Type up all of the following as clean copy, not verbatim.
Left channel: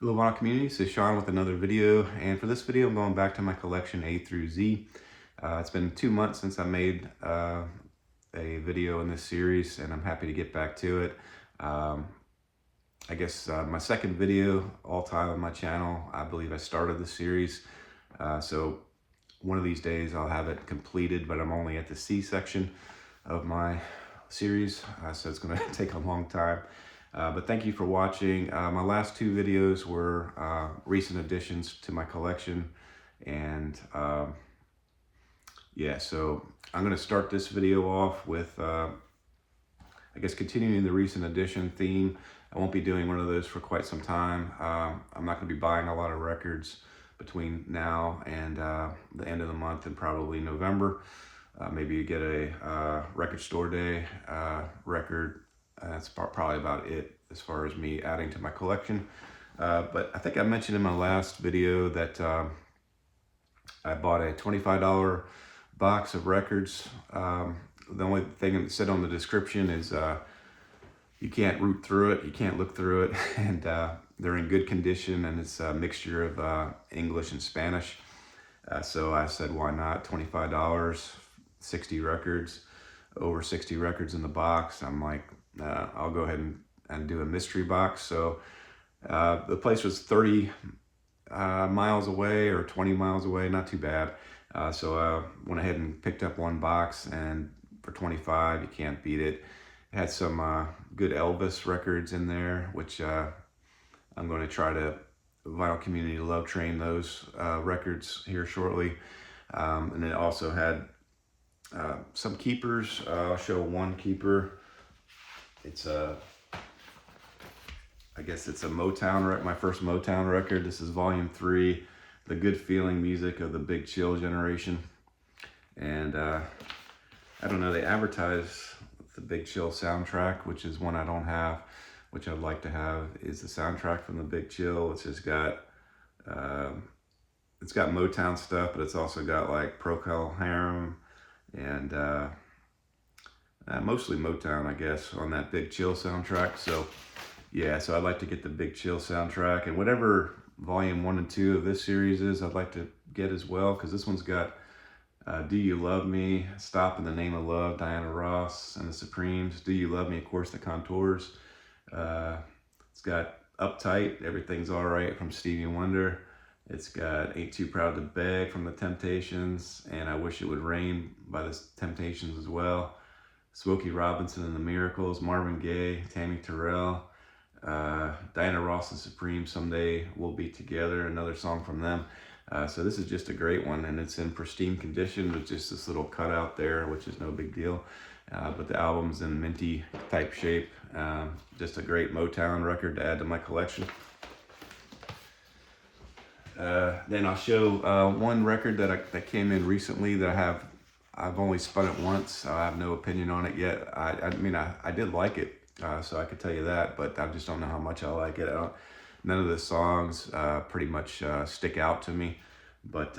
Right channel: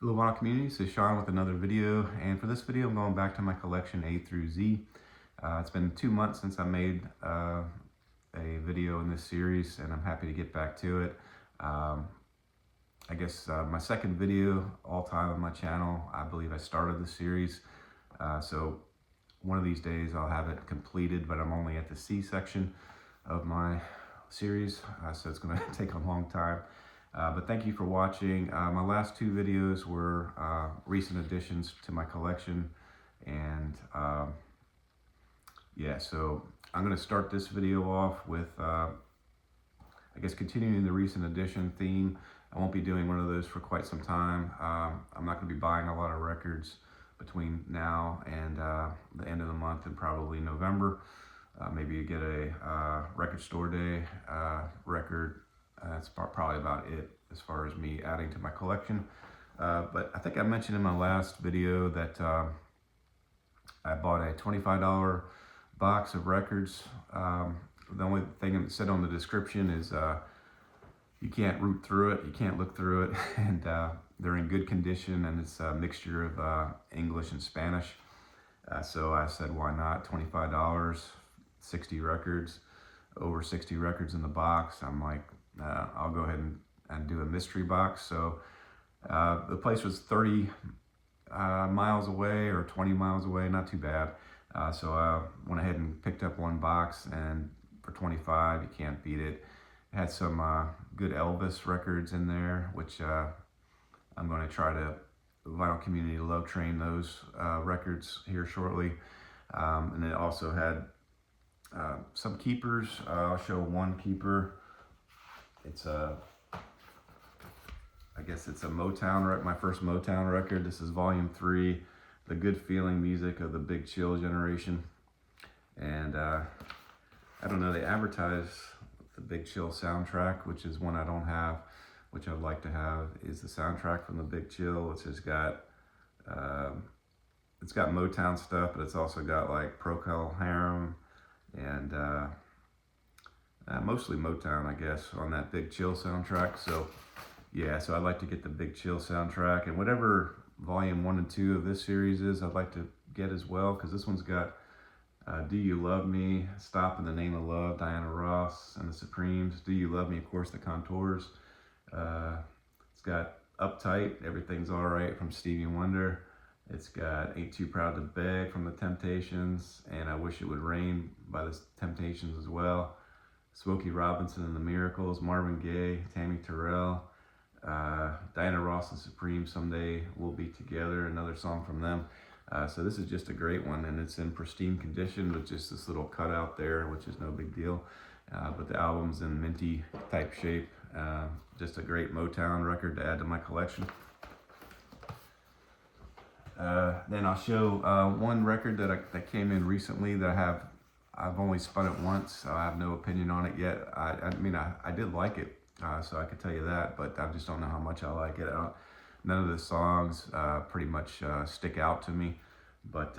Hello vinyl community, this is Sean with another video, and for this video I'm going back to my collection A through Z. It's been 2 months since I made a video in this series, and I'm happy to get back to it. I guess my second video all time on my channel. I believe I started the series, so one of these days I'll have it completed, but I'm only at the C section of my series, so it's going to take a long time. But thank you for watching. My last two videos were recent additions to my collection, and yeah, so I'm going to start this video off with I guess continuing the recent addition theme. I won't be doing one of those for quite some time. I'm not going to be buying a lot of records between now and the end of the month and probably November. Maybe you get a record store day record. That's probably about it as far as me adding to my collection. But I think I mentioned in my last video that I bought a $25 box of records. The only thing that said on the description is you can't root through it, you can't look through it, and they're in good condition, and it's a mixture of English and Spanish. So I said, why not? $25, 60 records, over 60 records in the box. I'm like, I'll go ahead and do a mystery box. So the place was 30 miles away or 20 miles away, not too bad. So I went ahead and picked up one box, and for 25, you can't beat it. It had some good Elvis records in there, which I'm going to try to vinyl community love train those records here shortly. And it also had some keepers. I'll show one keeper. It's I guess it's a Motown record, my first Motown record. This is volume 3, The Good Feeling Music of the Big Chill Generation. And I don't know, they advertise the Big Chill soundtrack, which is one I don't have, which I'd like to have, is the soundtrack from the Big Chill. It's just got, it's got Motown stuff, but it's also got like Procol Harum and mostly Motown, I guess, on that Big Chill soundtrack. So yeah, so I'd like to get the Big Chill soundtrack, and whatever volume 1 and 2 of this series is, I'd like to get as well, because this one's got Do You Love Me, Stop in the Name of Love, Diana Ross and the Supremes, Do You Love Me, of course, the Contours. It's got Uptight, Everything's Alright from Stevie Wonder. It's got Ain't Too Proud to Beg from the Temptations, and I Wish It Would Rain by the Temptations as well. Smokey Robinson and the Miracles, Marvin Gaye, Tammy Terrell, Diana Ross and Supreme, Someday We'll Be Together, another song from them. So this is just a great one, and it's in pristine condition with just this little cutout there, which is no big deal. But the album's in minty type shape. Just a great Motown record to add to my collection. Then I'll show one record that came in recently that I've only spun it once, so I have no opinion on it yet. I mean, I did like it, so I could tell you that, but I just don't know how much I like it. None of the songs pretty much stick out to me, but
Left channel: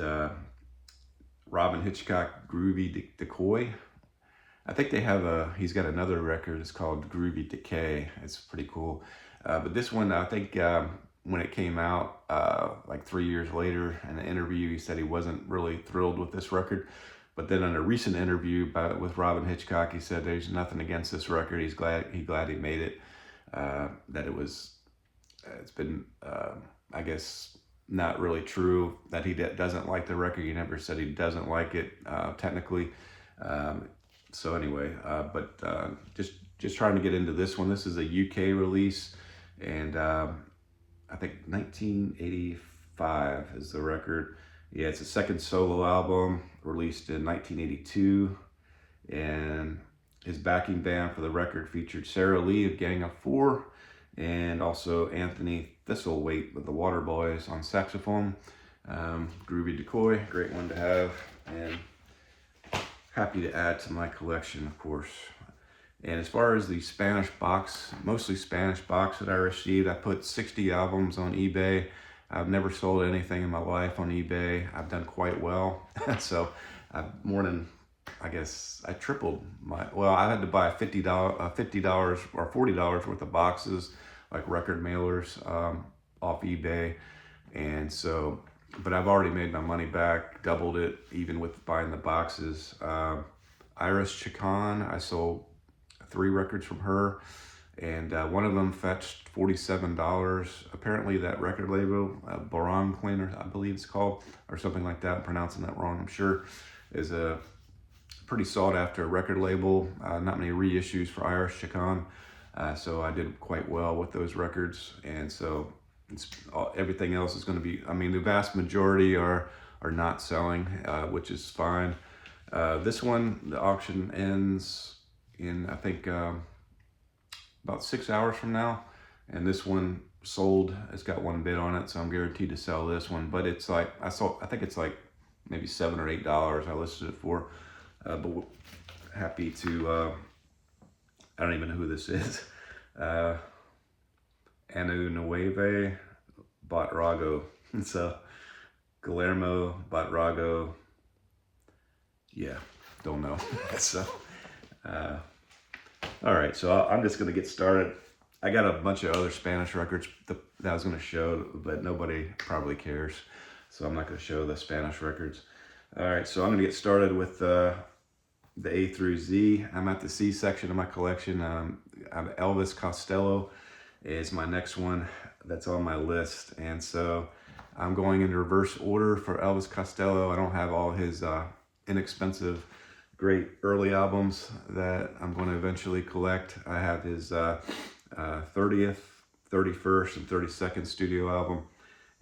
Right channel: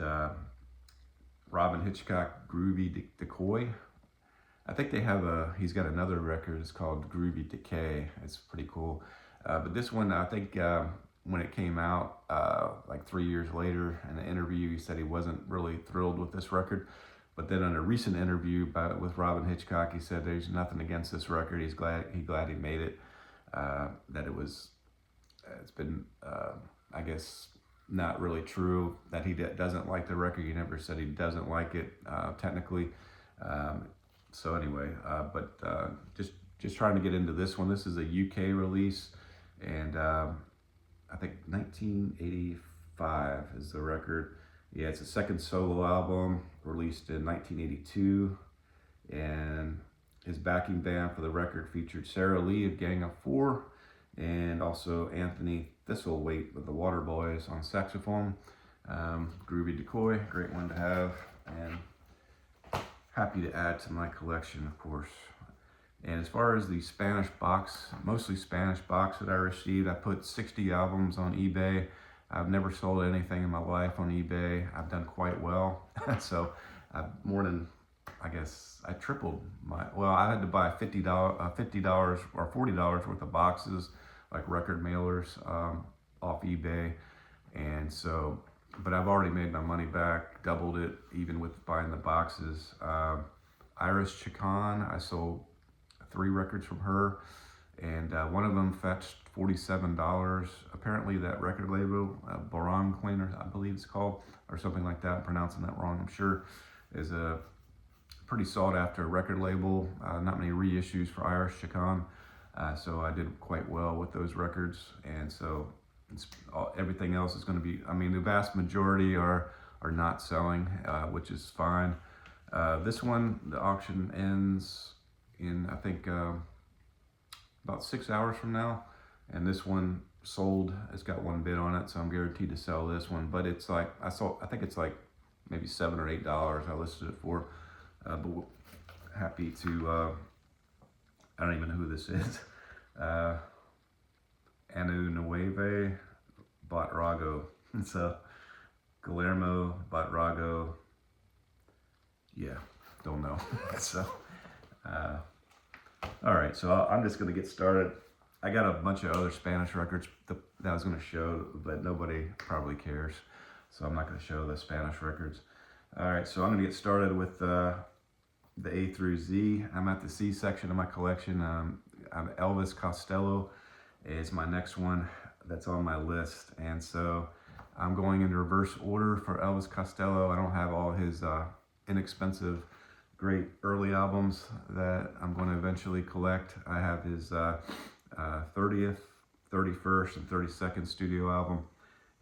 Robin Hitchcock, Groovy Decoy. I think they have he's got another record, it's called Groovy Decay. It's pretty cool. But this one, I think when it came out, like 3 years later, in an interview, he said he wasn't really thrilled with this record. But then in a recent interview with Robin Hitchcock, he said there's nothing against this record. He's glad he made it. That it's been, I guess, not really true that he doesn't like the record. He never said he doesn't like it, technically. So anyway, but just trying to get into this one. This is a UK release, and I think 1985 is the record. Yeah, it's a second solo album released in 1982, and his backing band for the record featured Sarah Lee of Gang of Four, and also Anthony Thistlethwaite with the Waterboys on saxophone. Groovy Decoy, great one to have, and happy to add to my collection, of course. And as far as the Spanish box, mostly Spanish box that I received, I put 60 albums on eBay. I've never sold anything in my life on eBay. I've done quite well. So I've more than, I guess, I tripled my, well, I had to buy $50 or $40 worth of boxes, like record mailers. off eBay, and so, but I've already made my money back, doubled it, even with buying the boxes. Iris Chacon, I sold 3 records from her, and one of them fetched $47. Apparently that record label, Barong Cleaner, I believe it's called, or something like that, I'm pronouncing that wrong, I'm sure, is a pretty sought after record label. Not many reissues for Iris Chacon, so I did quite well with those records, and so everything else is going to be, I mean, the vast majority are not selling, which is fine. This one, the auction ends in, I think, about 6 hours from now, and this one sold. It's got 1 bid on it, so I'm guaranteed to sell this one. But it's like, I think it's like maybe $7 or $8 I listed it for. But happy to, I don't even know who this is. Anu Nueve Batrago. So Guillermo Batrago. Yeah, don't know. So, all right, so I'm just gonna get started. I got a bunch of other Spanish records that I was gonna show, but nobody probably cares, so I'm not gonna show the Spanish records. All right, so I'm gonna get started with the A through Z. I'm at the C section of my collection. Elvis Costello is my next one that's on my list, and so I'm going in reverse order for Elvis Costello. I don't have all his inexpensive, great early albums that I'm going to eventually collect. I have his 30th, 31st, and 32nd studio album,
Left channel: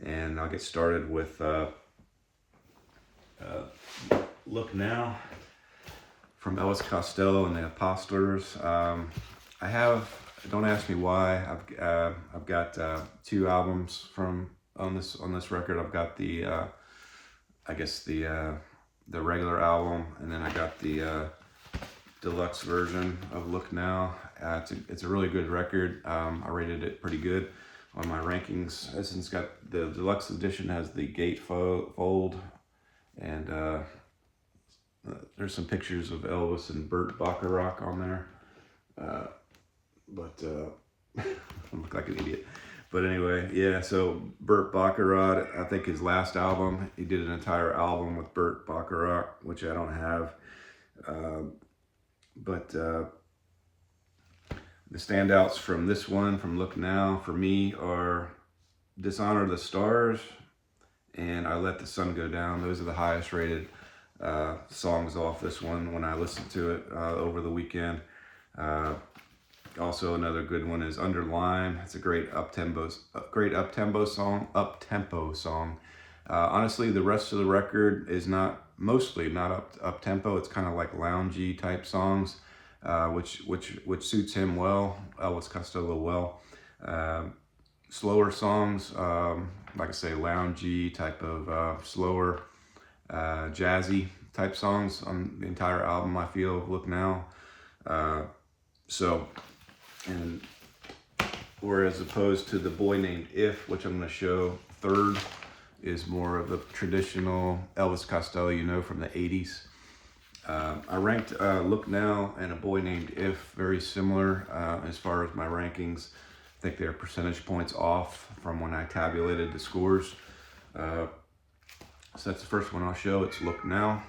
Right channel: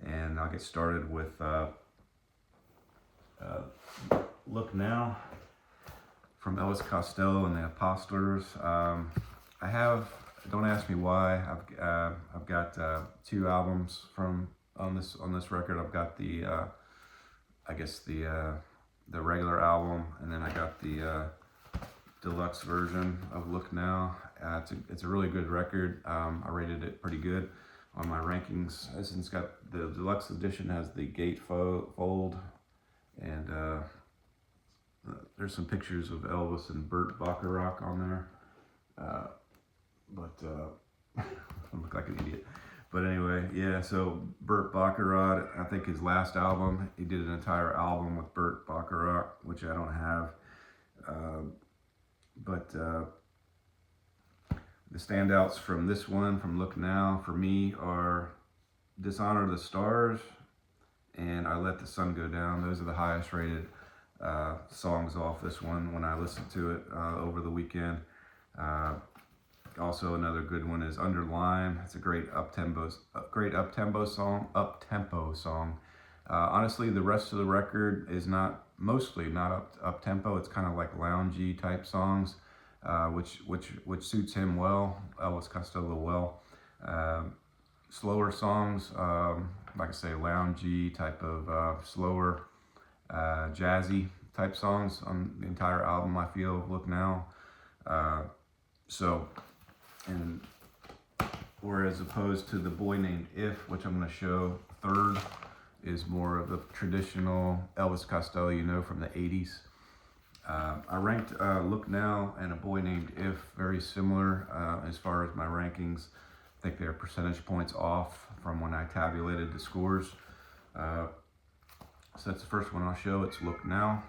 and I'll get started with Look Now from Elvis Costello and the Apostles. I have, don't ask me why, I've got 2 albums from on this record. I've got the I guess the regular album, and then I got the deluxe version of Look Now. It's a really good record. I rated it pretty good on my rankings. It's got the deluxe edition has the gatefold, and there's some pictures of Elvis and Burt Bacharach on there. But I look like an idiot. But anyway, yeah, so Burt Bacharach, I think his last album, he did an entire album with Burt Bacharach, which I don't have. But the standouts from this one, from Look Now, for me are Dishonor the Stars and I Let the Sun Go Down. Those are the highest rated songs off this one when I listened to it over the weekend. Also, another good one is Under Lime. It's a great up-tempo song. Honestly, the rest of the record is mostly not up-tempo. It's kind of like loungy type songs, which suits him well, Elvis Costello well. Slower songs, like I say, loungy type of slower, jazzy type songs on the entire album, I feel, Look Now. And whereas opposed to The Boy Named If, which I'm going to show third, is more of a traditional Elvis Costello, from the 80s. I ranked Look Now and A Boy Named If very similar as far as my rankings. I think they're percentage points off from when I tabulated the scores. So that's the first one I'll show. It's Look Now.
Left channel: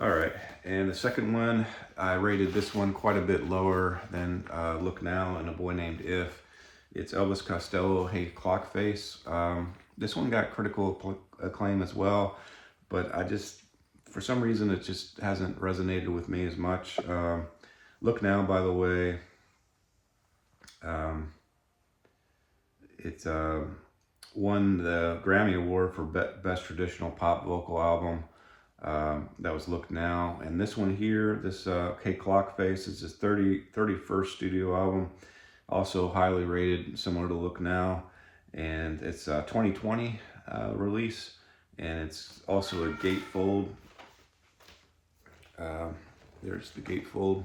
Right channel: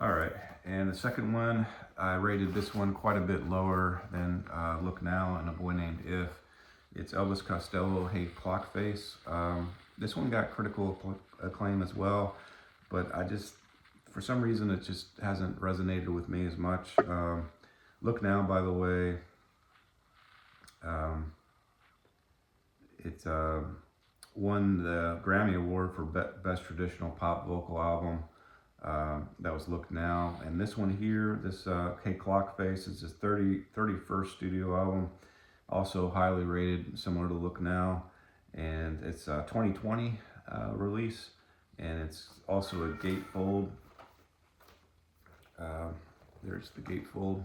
All right, and the second one, I rated this one quite a bit lower than Look Now and A Boy Named If. It's Elvis Costello, Hey Clock Face. This one got critical acclaim as well, but for some reason, it just hasn't resonated with me as much. Look Now, by the way, it won the Grammy Award for Best Traditional Pop Vocal Album. That was Look Now. And this one here, this Hey Clock Face, is his 31st studio album. Also highly rated, similar to Look Now. And it's a 2020 release. And it's also a gatefold. There's the gatefold.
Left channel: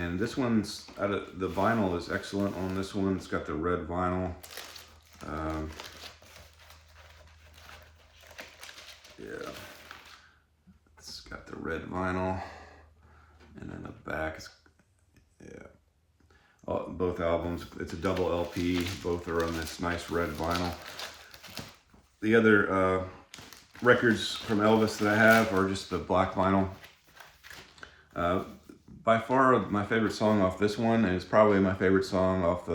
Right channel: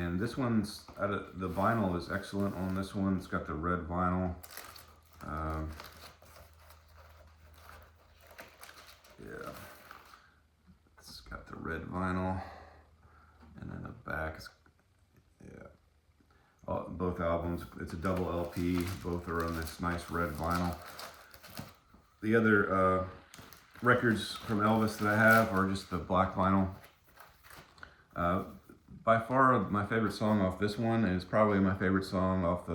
And this one's, the vinyl is excellent on this one. It's got the red vinyl. Yeah. It's got the red vinyl. And then the back is, yeah. both albums. It's a double LP. Both are on this nice red vinyl. The other records from Elvis that I have are just the black vinyl. By far, my favorite song off this one is probably my favorite song off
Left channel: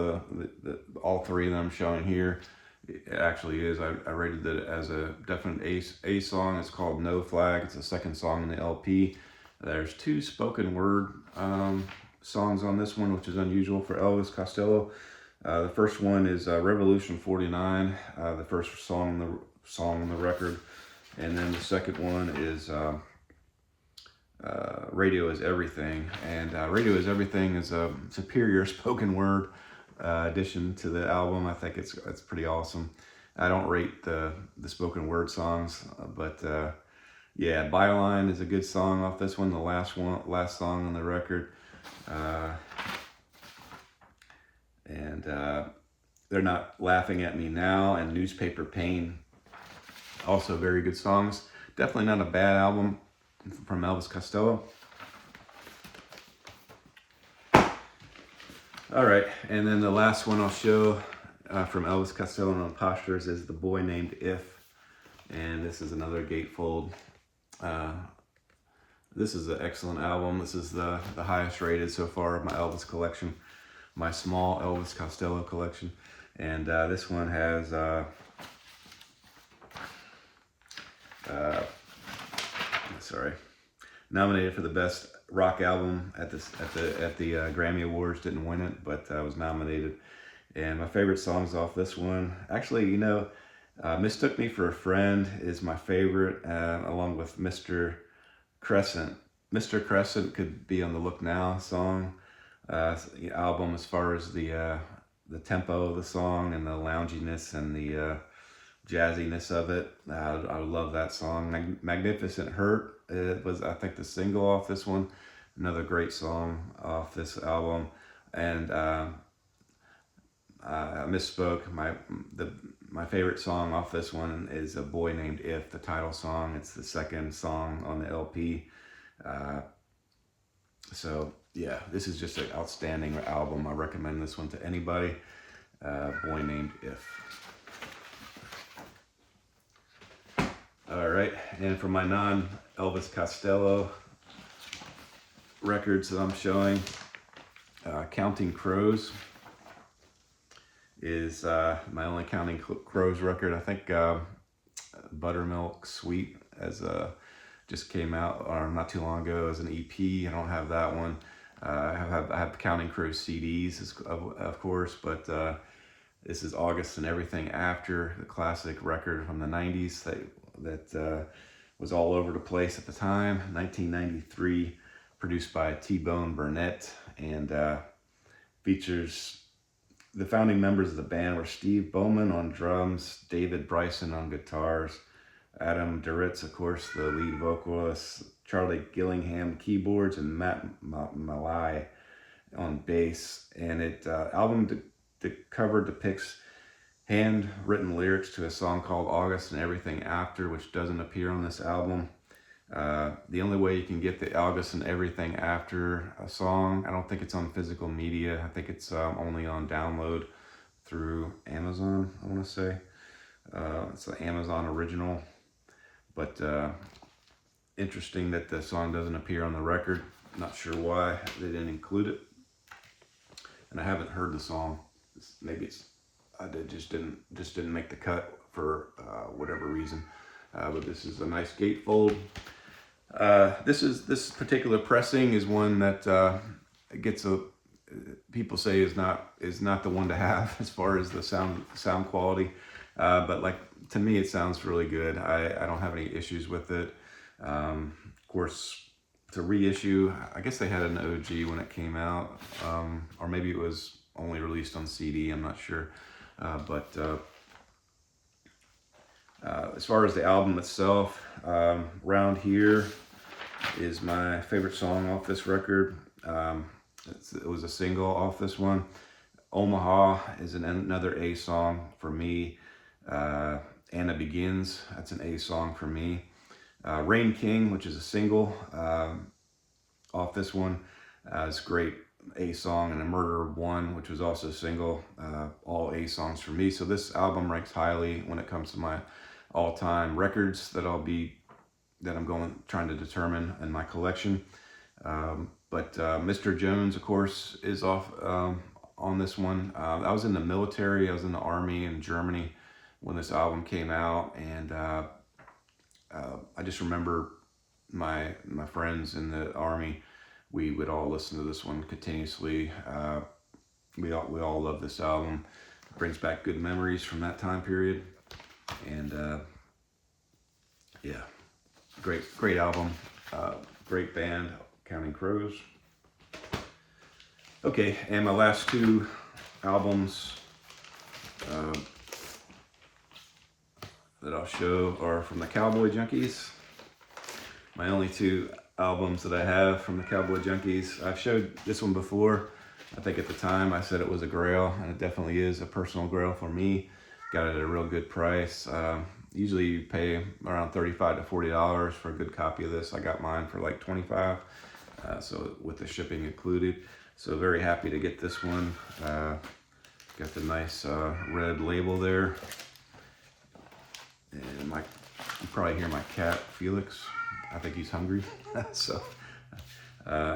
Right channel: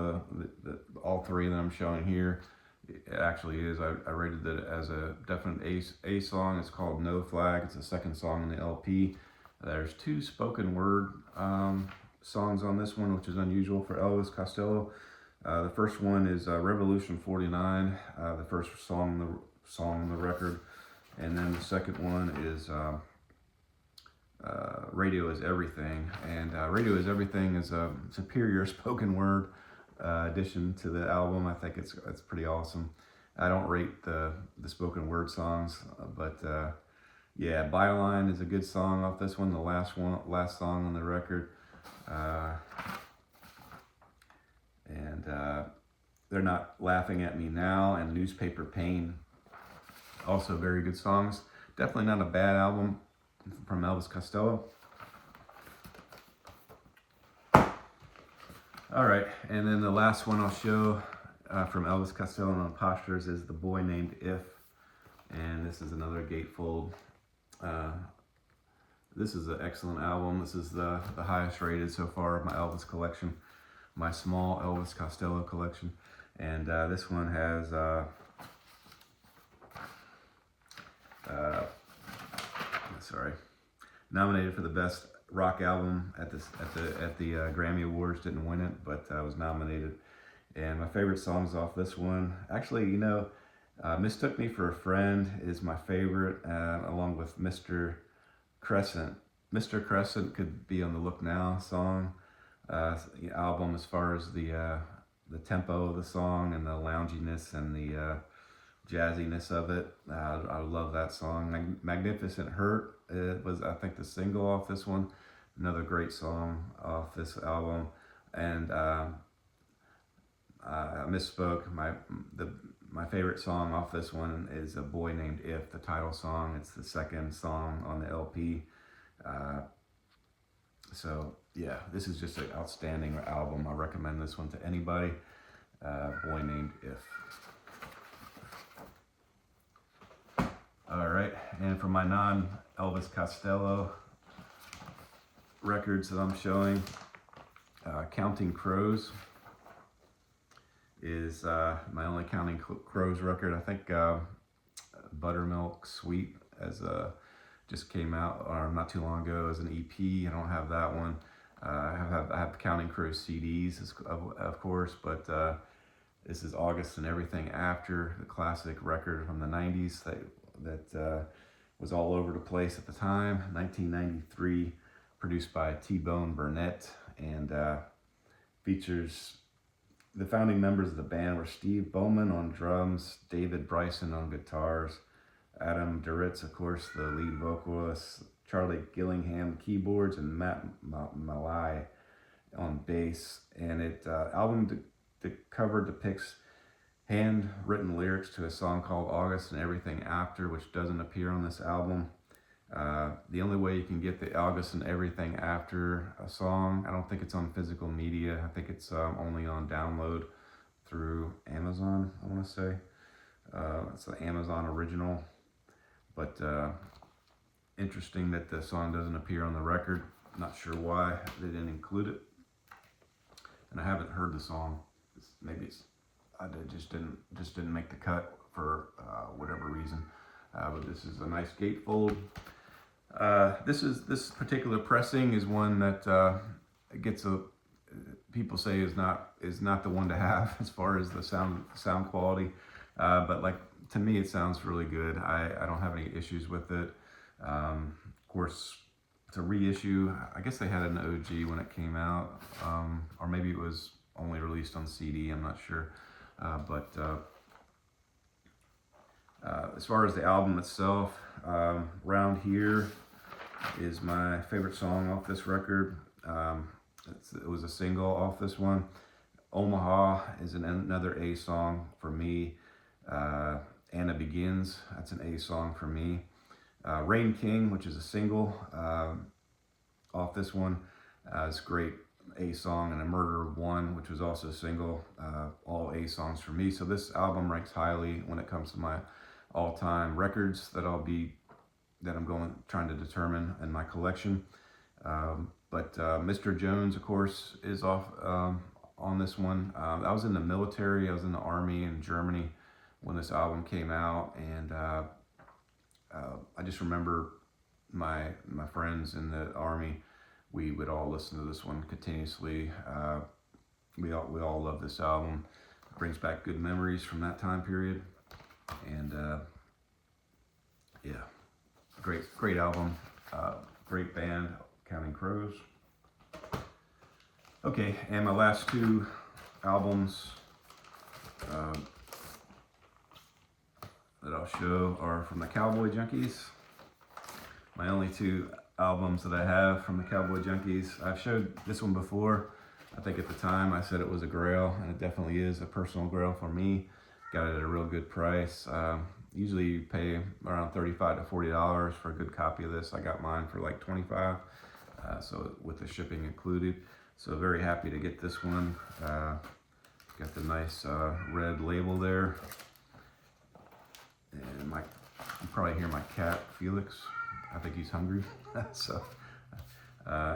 all three that I'm showing here. It actually is. I rated it as a definite A song. It's called No Flag. It's the second song in the LP. There's two spoken word songs on this one, which is unusual for Elvis Costello. The first one is Revolution 49, the first song on the record. And then the second one is Radio Is Everything. And Radio Is Everything is a superior spoken word addition to the album. I think it's pretty awesome. I don't rate the spoken word songs, but yeah, Byline is a good song off this one, the last song on the record. And They're Not Laughing at Me Now and Newspaper Pain, also very good songs. Definitely not a bad album from Elvis Costello. All right, and then the last one I'll show from Elvis Costello and Imposters is The Boy Named If, and this is another gatefold. This is an excellent album. This is the highest rated so far of my Elvis collection, my small Elvis Costello collection. And this one has nominated for the best rock album at the Grammy Awards. Didn't win it, but was nominated. And my favorite songs off this one, actually, you know, Mistook Me for a Friend is my favorite, along with Mr. Crescent. Mr. Crescent could be on the Look Now song album as far as the tempo of the song and the lounginess and the jazziness of it. I love that song. Magnificent Hurt, it was, I think, the single off this one. Another great song off this album. And I misspoke. My favorite song off this one is A Boy Named If, the title song. It's the second song on the LP. So yeah, this is just an outstanding album. I recommend this one to anybody. Boy Named If. All right, and for my non-Elvis Costello records that I'm showing, Counting Crows is my only Counting Crows record. I think Buttermilk Sweet just came out not too long ago as an EP. I don't have that one. I have Counting Crows CDs, of course, but this is August and Everything After, the classic record from the 90s that was all over the place at the time. 1993, produced by T-Bone Burnett, and features the founding members of the band were Steve Bowman on drums, David Bryson on guitars, Adam Duritz, of course, the lead vocalist, Charlie Gillingham keyboards, and Matt Malai on bass. And album cover depicts handwritten lyrics to a song called August and Everything After, which doesn't appear on this album. The only way you can get the August and Everything After a song, I don't think it's on physical media. I think it's only on download through Amazon, I want to say. It's an Amazon original. But interesting that the song doesn't appear on the record. Not sure why they didn't include it. And I haven't heard the song. Maybe it just didn't make the cut for whatever reason. But this is a nice gatefold. This particular pressing is one that people say is not the one to have as far as the sound quality. But like, to me, it sounds really good. I don't have any issues with it. Of course, to reissue, I guess they had an OG when it came out, or maybe it was only released on CD. I'm not sure. But as far as the album itself, Round Here is my favorite song off this record. It was a single off this one. Omaha is another A song for me. Anna Begins, that's an A song for me. Rain King, which is a single off this one, is great A song, and A Murder of One, which was also a single, all A songs for me. So this album ranks highly when it comes to my all-time records that I'm trying to determine in my collection. But Mr. Jones, of course, is off on this one. I was in the military. I was in the Army in Germany when this album came out, and I just remember my friends in the Army. We would all listen to this one continuously. We all love this album. It brings back good memories from that time period, and yeah, great album, great band, Counting Crows. Okay, and my last two albums that I'll show are from the Cowboy Junkies. My only two albums that I have from the Cowboy Junkies. I've showed this one before. I think at the time I said it was a grail, and it definitely is a personal grail for me. Got it at a real good price. Usually you pay around $35 to $40 for a good copy of this. I got mine for like $25, so with the shipping included. So very happy to get this one. Got the nice red label there. And you probably hear my cat, Felix. I think he's hungry. So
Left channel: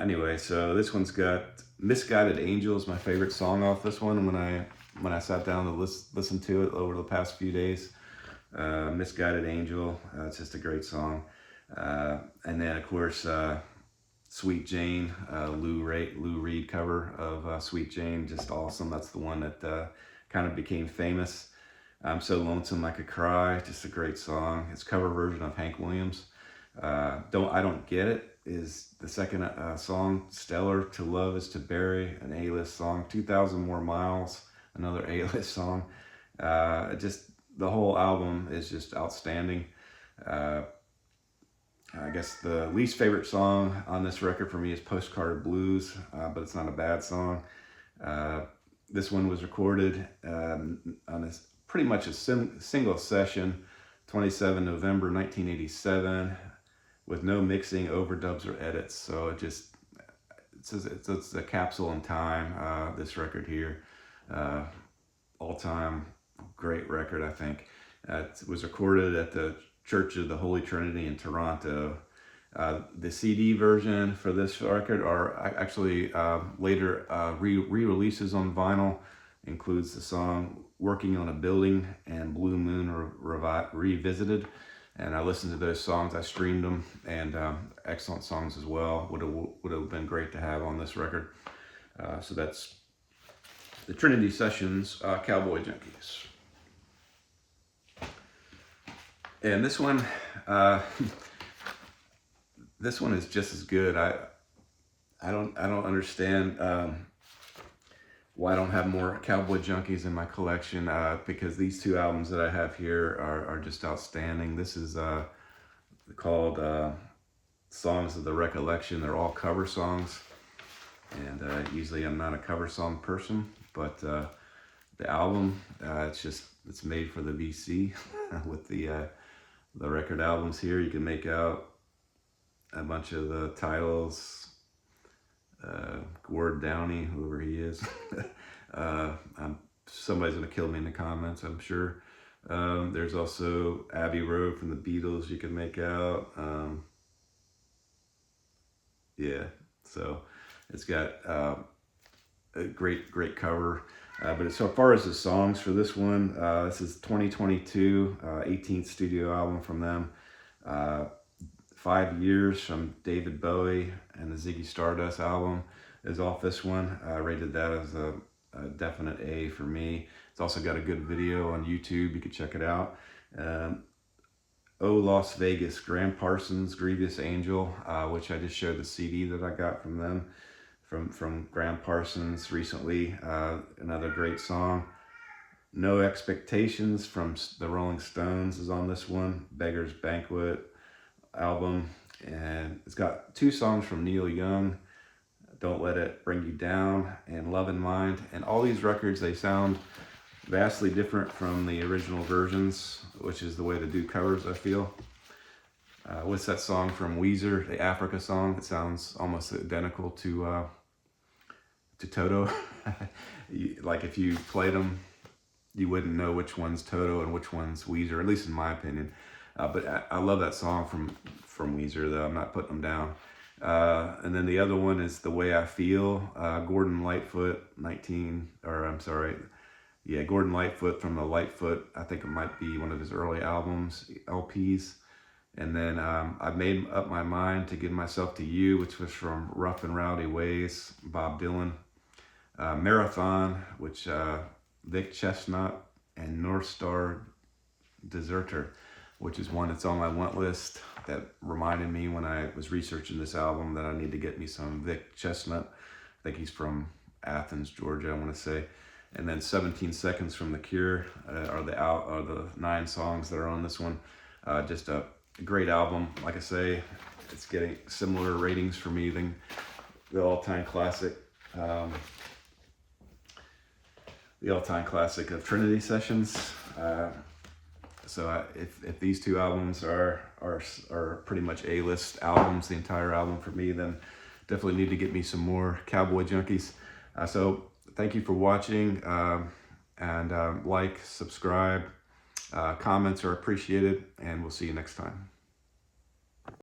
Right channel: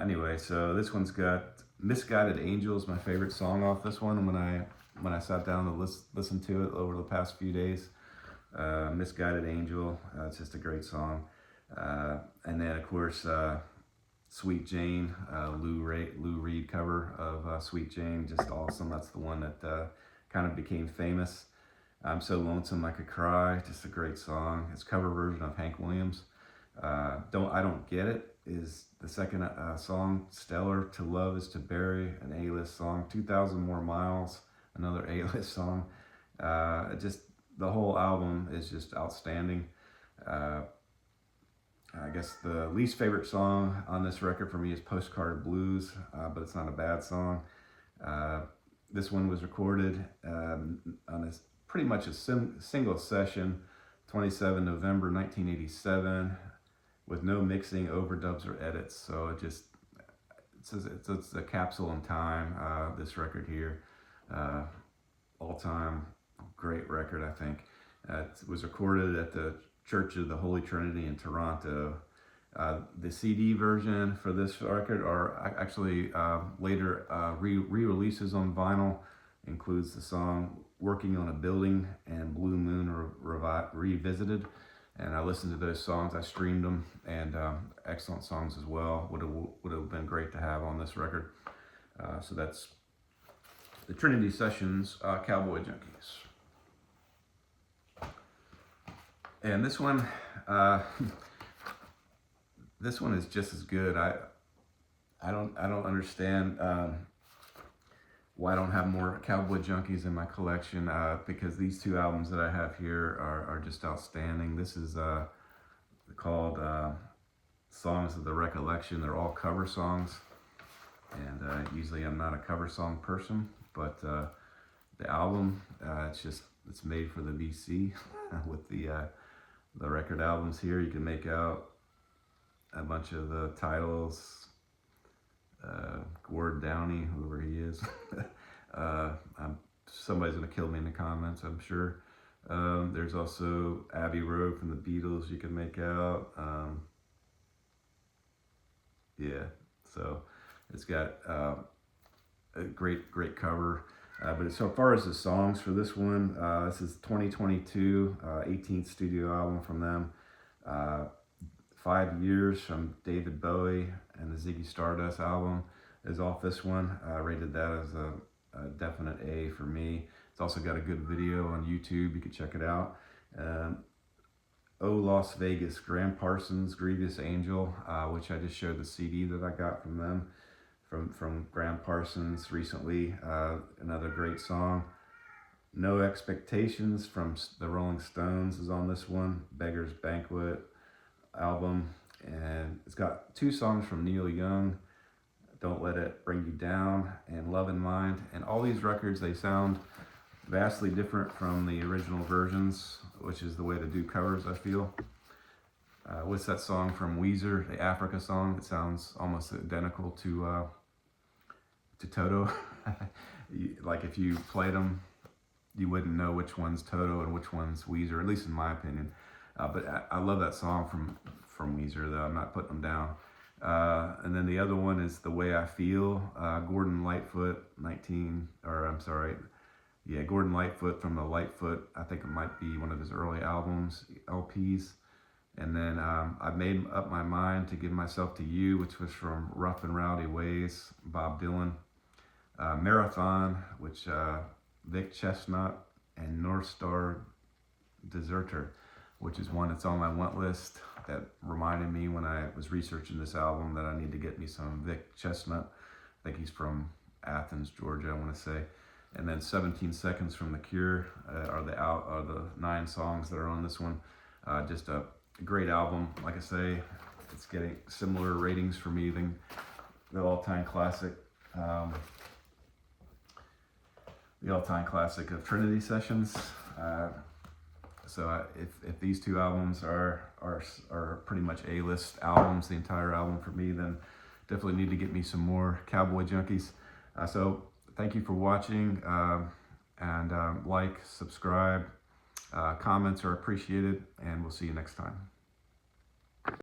anyway, so this one's got Misguided Angels, my favorite song off this one when I sat down to listen to it over the past few days. Misguided Angel, it's just a great song. And then of course Sweet Jane, Lou Reed cover of Sweet Jane, just awesome. That's the one that kind of became famous. I'm So Lonesome I Could Cry, just a great song. It's a cover version of Hank Williams. I Don't Get It is the second song. Stellar, To Love Is To Bury, an A-list song. 2,000 More Miles, another A-list song. Just the whole album is just outstanding. I guess the least favorite song on this record for me is Postcard Blues, but it's not a bad song. This one was recorded on this pretty much a single session, 27 November 1987, with no mixing, overdubs, or edits. So it's a capsule in time, this record here. All-time great record, I think. It was recorded at the Church of the Holy Trinity in Toronto. The CD version for this record are actually later re-releases on vinyl. Includes the song Working on a Building and Blue Moon Revisited. And I listened to those songs, I streamed them, and excellent songs as well. Would have been great to have on this record. So that's the Trinity Sessions, Cowboy Junkies. And this one is just as good. I don't understand why I don't have more Cowboy Junkies in my collection, because these two albums that I have here are just outstanding. This is called Songs of the Recollection. They're all cover songs, and usually I'm not a cover song person, but the album, it's made for the VC. With the record albums here, you can make out a bunch of the titles. Gord Downey, whoever he is. Somebody's gonna kill me in the comments, I'm sure. There's also Abbey Road from the Beatles you can make out. Yeah, so it's got a great cover. But so far as the songs for this one, this is 2022, 18th studio album from them. 5 Years from David Bowie and the Ziggy Stardust album is off this one. I rated that as a definite A for me. It's also got a good video on YouTube. You can check it out. Oh Las Vegas, Graham Parsons, Grievous Angel, which I just showed the CD that I got from them, from Graham Parsons recently. Another great song. No Expectations from the Rolling Stones is on this one. Beggar's Banquet album, and it's got two songs from Neil Young, Don't Let It Bring You Down and Love in Mind. And all these records, they sound vastly different from the original versions, which is the way to do covers, I feel. What's that song from Weezer, the Africa song? It sounds almost identical to to Toto. Like if you played them, you wouldn't know which one's Toto and which one's Weezer, at least in my opinion. But I love that song from Weezer, though. I'm not putting them down. And then the other one is The Way I Feel. Gordon Lightfoot, Gordon Lightfoot from the Lightfoot. I think it might be one of his early albums, LPs. And then I Made Up My Mind to Give Myself to You, which was from Rough and Rowdy Ways, Bob Dylan. Marathon, which Vic Chestnut, and North Star Deserter, which is one that's on my want list. That reminded me when I was researching this album that I need to get me some Vic Chestnut. I think he's from Athens, Georgia, I want to say. And then 17 Seconds from The Cure are the 9 songs that are on this one. Just a great album. Like I say, it's getting similar ratings for me than the all-time classic. The all-time classic of Trinity Sessions. So if these 2 albums are pretty much A-list albums, the entire album for me, then definitely need to get me some more Cowboy Junkies. So thank you for watching, and like, subscribe, comments are appreciated, and we'll see you next time.